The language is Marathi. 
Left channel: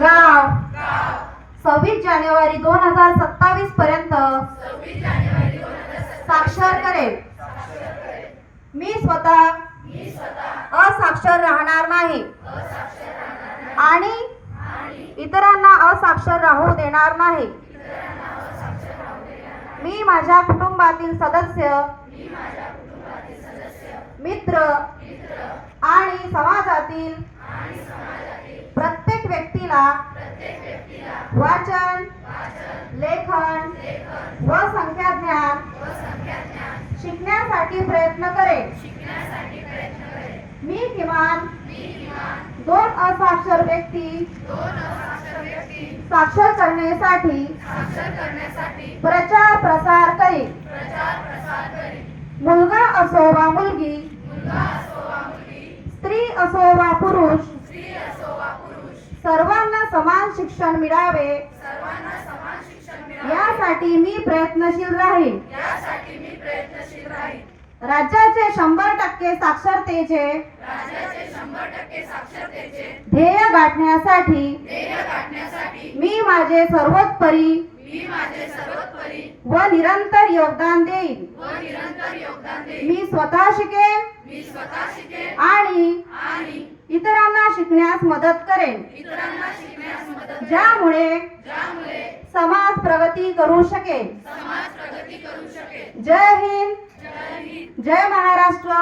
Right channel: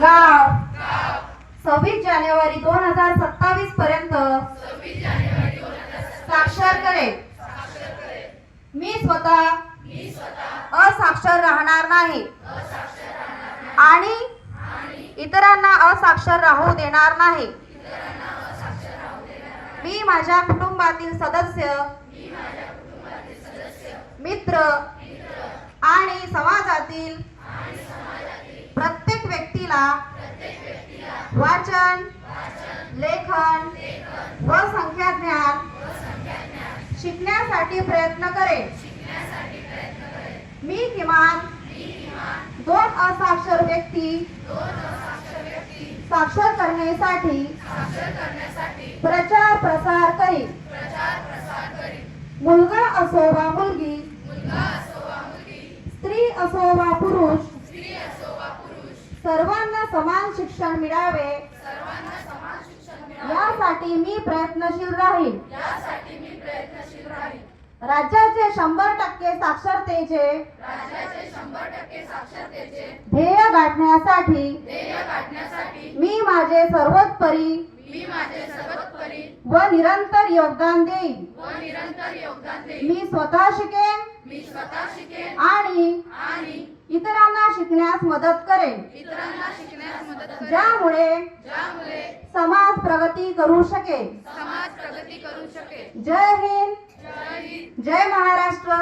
गाव 26 जानेवारी 2027 पर्यंत साक्षर करेल। मी स्वतः असाक्षर राहणार नाही आणि इतरांना असाक्षर राहू देणार नाही। मी माझ्या कुटुंबातील सदस्य, मित्र आणि समाजातील प्रत्येक व्यक्तीला वाचन, लेखन व संख्याज्ञान शिकण्यासाठी प्रयत्न करेन। मी किमान 2 असाक्षर व्यक्ती साक्षर करण्यासाठी प्रचार प्रसार करेन। मुलगा असो वा मुलगी, स्त्री असो वा पुरुष, सर्वांना समान शिक्षण मिळावे यासाठी मी प्रयत्नशील राहील। राज्याचे 100% साक्षरतेचे ध्येय गाठण्यासाठी मी माझे सर्वोत्परी व निरंतर योगदान देईन। मी स्वतः शिकेन आणि इतरांना शिकण्यास मदत करेन, ज्यामुळे समाज प्रगती करू शकेल। जय हिंद, जय महाराष्ट्र।